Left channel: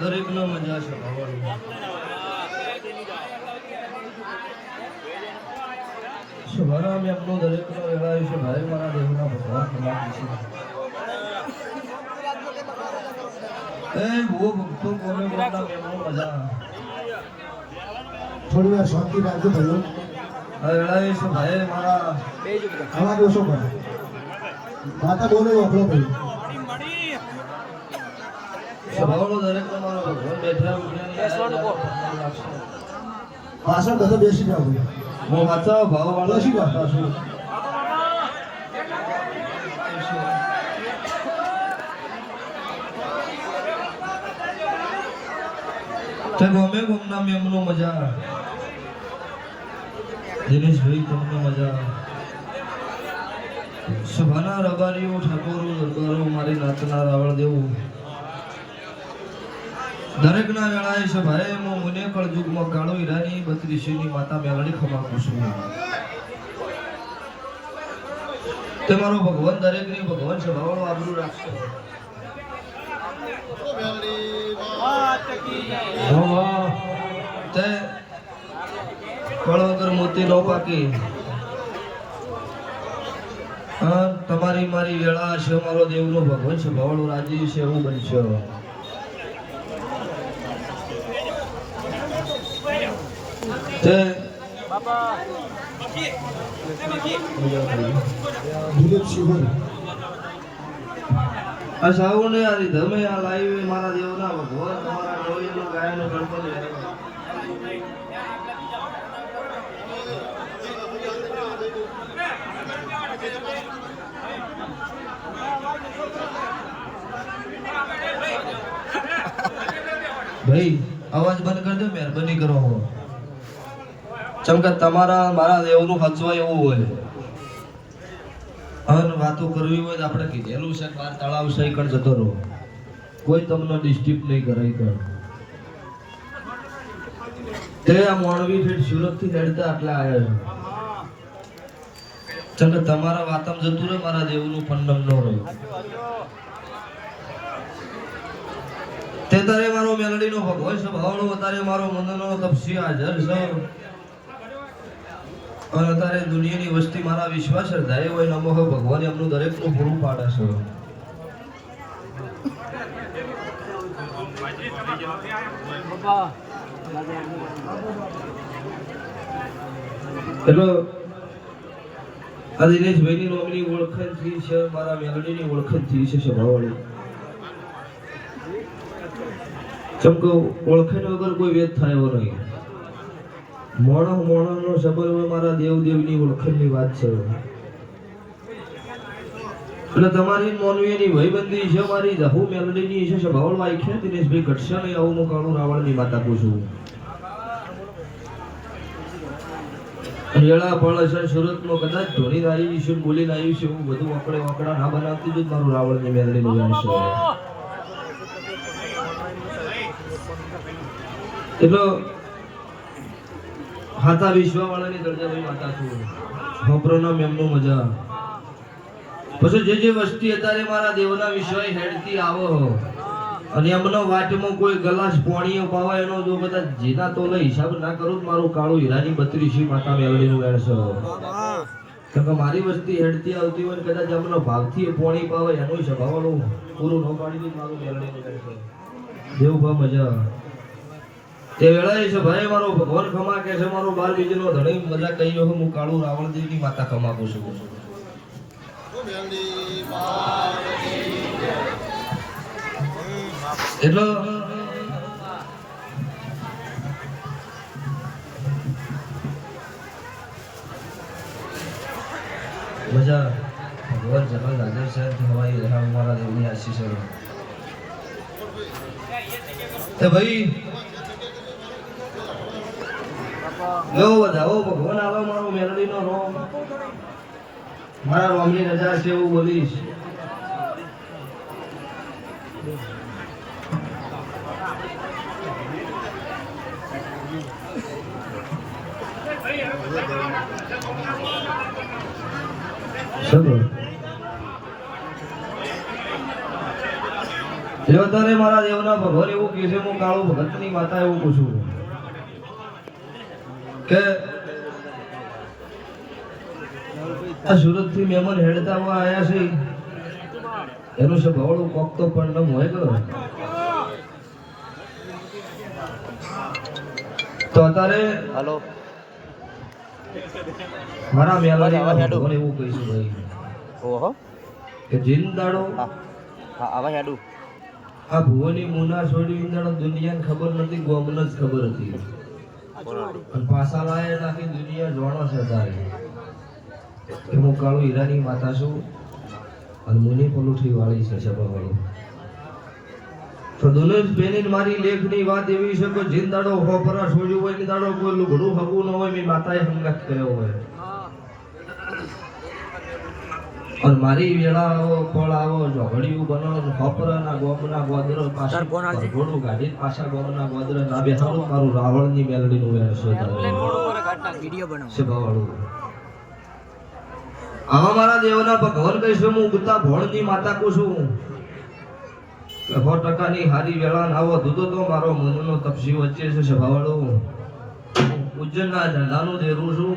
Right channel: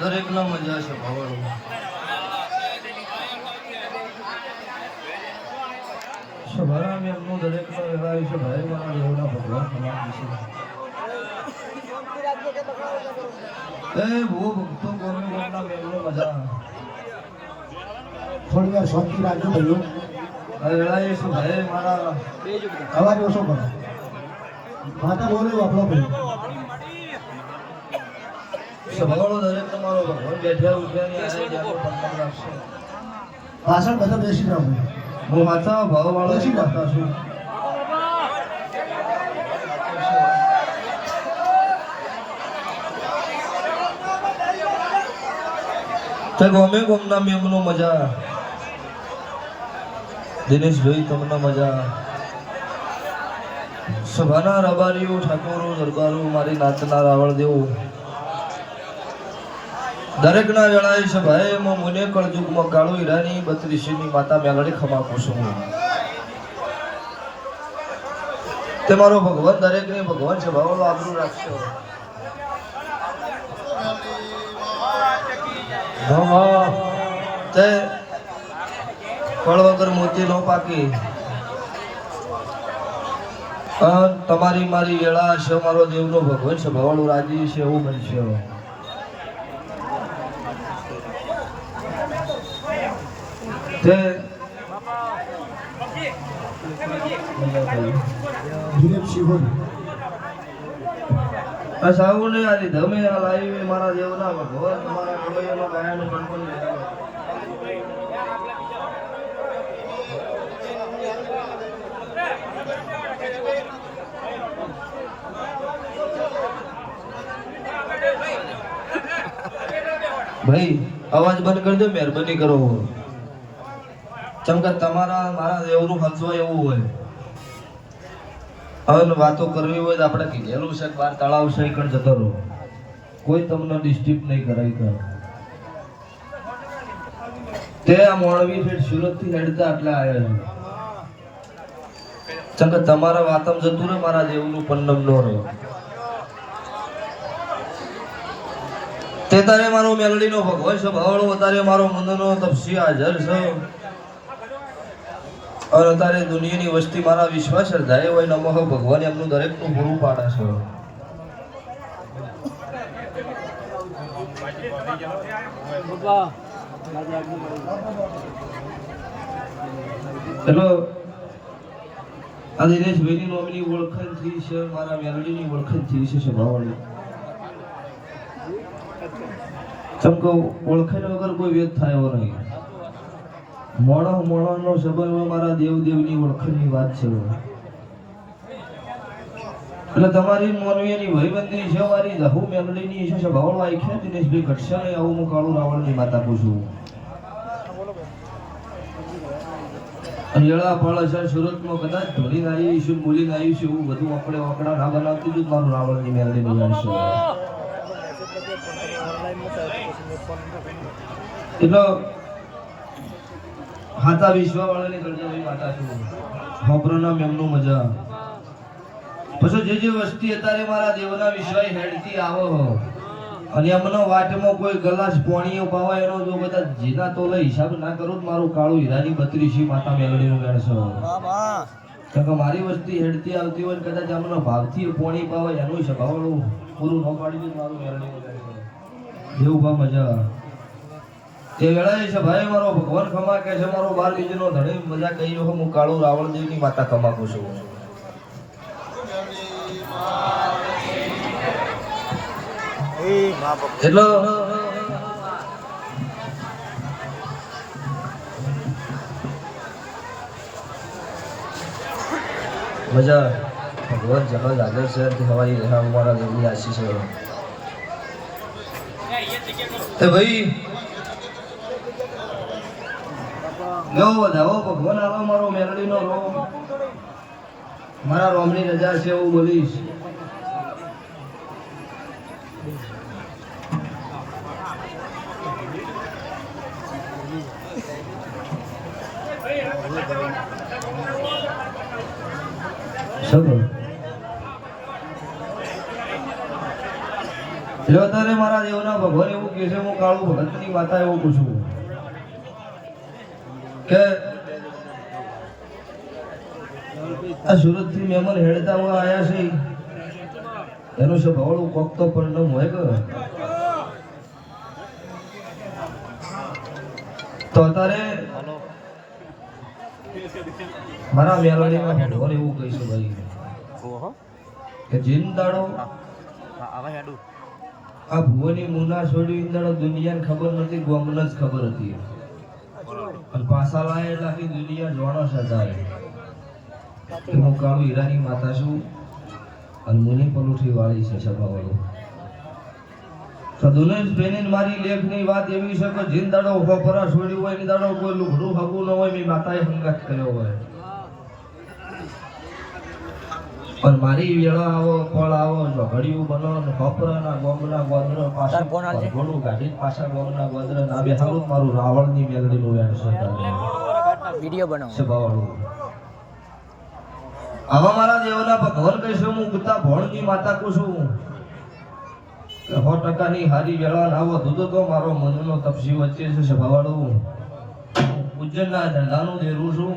દરેક નો મજા છે ભાવરો શુભારામ આપનો દરેક નો વેળાય છે ભાઈ મારા દેવના ભગવાન નામ છે એ ભૂ ભક્તો કોને કોના મેમનો મજા થોડી વાર શાંતિ રાખજો ભાઈઓ વેળાય છે ભાઈ મારા આવા દિવસો પર માતા બોલે આપણો ભાઈ સભાવાળો દરેક તમારો ભગવાન બેઠા ઉઠ્યાની આયા જાતો પંદર લાગશે પાછળ બધે બેસી જાવ હું માતા ભાવવાળો બેસી જાવ છું તે ગમે ગમના મેમનો મજા દિનેશભાઈ તમને મજા સભાના રબારીઓ ઠાકોરો દરબારો મારી નાતના રાવળ દેવું દરેક ના જણાય છે ભાઈ હું મુને કળજુગમાં કાળો હીરાની 32 ની માતા મેલડી ખમા પૂછું તે મારો ભગવાન દરેકને ભગવાન સ્વભાવનો આબરૂ રાખશો. તે ફળ વગર મોતી ન પાકી. તમારી મારી વેળા હશે, મારો દેવનો ભગવાન સ્વભાવનું રાજી છે એવું બનશે. તે દિલીપ શિવન આ સાઉને આ રીધમે આ લાવી મારા દેવના ભગવાન મારા ડોળીનો ગાયનો ગણપતિ. ભાઈ અવાજ બંધ કરી દો, મહેરબાની કરો. ચમકા તમારા મારા દેવનું ફંચવાય એવું હોય. હવે વાતો કરવી હોય તો આપણે કીધેલું છે, બાર તળાવ છે કણ જતો રહો, કોઈ તમને ડિસ્ટર્બ નહીં કરાય કર. તે આ મોણવી ફેટ સુરત થી લડતા આટલા આવ્યા છે. ચમકા તમારા વાતમ જતું રહે, મારા દેવનું પન્નમ નો રહે. તે તારે મારો મેલડીનો ભગવાન છે ભવાળો, તારે મારો મુંદનો તપસી હાજર છે. અને તારે દુનિયાની વસ્તી મારા વિશ્વાસ શ્રદ્ધાએ હોય નમઃ ભગવાન એમનું દરેકનું પૂરું પાડે છે. ચલો આ દિનેશભાઈની નોમની ઓળખાણ થઈ છે, મારા મેલડીની ઓળખાણ થઈ છે સભાવાળી. ચમકો ઓળખાણ વગર કોઈ વેદ થાય એવો નહીં. મોણસ મોણસનો સંબંધ મારા દેવ દેવની ઓળખાણની વાત છે. એટલે તમારી નોનવીની ભયબંધી છે, મારી જહુ મેલડીની છે સભાવાળો આખ્યા દિનેશભાઈ ઘટશે નહીં આવું હું કાળુ રાવણની માતા પૂછું. વેળા પળ છે સુરતનો કદાચ ધોરી આવી છે, બોલીને આવી છે, એવું બધું આપણે વાકડા ના બનાવતી જ મારું રાવણની મેલડીનું વેણ છે. એટલે હાથા વિશ્વવાળાની ગરજાભાઈ માતા છું, હોપરોના મેમનું મજા. પછી જે જે વસ્તી અત્યારે મારા દેવના વિશ્વાય હેડતી આવો અને એમનો વાટમાં કોઈ ગ્લાસ પાણી પાવા એનો જો બધા જેના તો લઈ હિસાબ ના કરું તો મારું કાળું હીરાની 32 માતા મેલડીનું વેણ છે. કેમ કે મારી વસ્તી હેડતી આવતી હોય કદાચ એમનો ભાવથી પાણી પાવે એનું સ્વભાવનું પૂરું ન પાડી મારું મેલડીનું વેણ છે. દેવભા મજા એ વેળાએ છે ભાઈ મારો ભગવાન ખમા કે છે, મારો બાર બીજનો ધણી મજા કહીયો હું કાળું રાવણદેવની માતા ખમાકું છું. એટલો મજા ભગવાન જરા હાજર છે હવાઈ મારા દેવની આશીષ છે. એ ભાઈ લો જાઓ ભગવાન આવો મારો મેલડીનો રોમ, મારા રોમની રજા છે એવું બોલીશ. જો તારે મારા દેવના ભગવાન એવું કહે છે, હું કાળો ભગતની માતા એવું પૂછું કે આ સુરત થી મહેમાન હેડતા હોય આયા છે, એનું સ્વભાવનું કોક તો પણ હોય તો અત્યારે મારા મેલડીના ભગવાન એવું કહીશું ભાઈ કે જીન દાડો આ ભુવની મુના છોડી ઇંદડો દુનિયાને ખબર નથી, ગોમને જ ખબર હતી. અને પાછા લાયા આખી દુનિયા જોણો છે તારે કે હું કાળું હીરાની માતા છું અને મુની પલુઠી વાળી છે સભાવાળી. તો દુનેશ બેની મારી લેખની વાત એવી છે કે જીન દાડો ખોપરા છોડ્યું હોય ને દાડો કોઈ લુગડું હગું ન હોય, મેં માતાએ હંગાત કર્યો હોય. અને મારી વેળા આવો ફળ આવો ઝઘડિયું બનો ખોપરાના ગોમના ગોદર પાછા ઘોડું ગાડી પાછા ગોમના ગોદર ના બે હારું મારું રાવણની મેલડીનું વેણ છે તારે વિડિયો બનાવો સભાવાળું. આવા મારા દેવના ભગવાન કહીશું હું ગુતા ભોળની માતા કહું છું કે 100% હારી વેળા આવો ધૂતો તો મારો મનનો તપસી વચ્ચે છે સભાવાળો ઉજ્જૈનના ઝંડાનું દેરું છું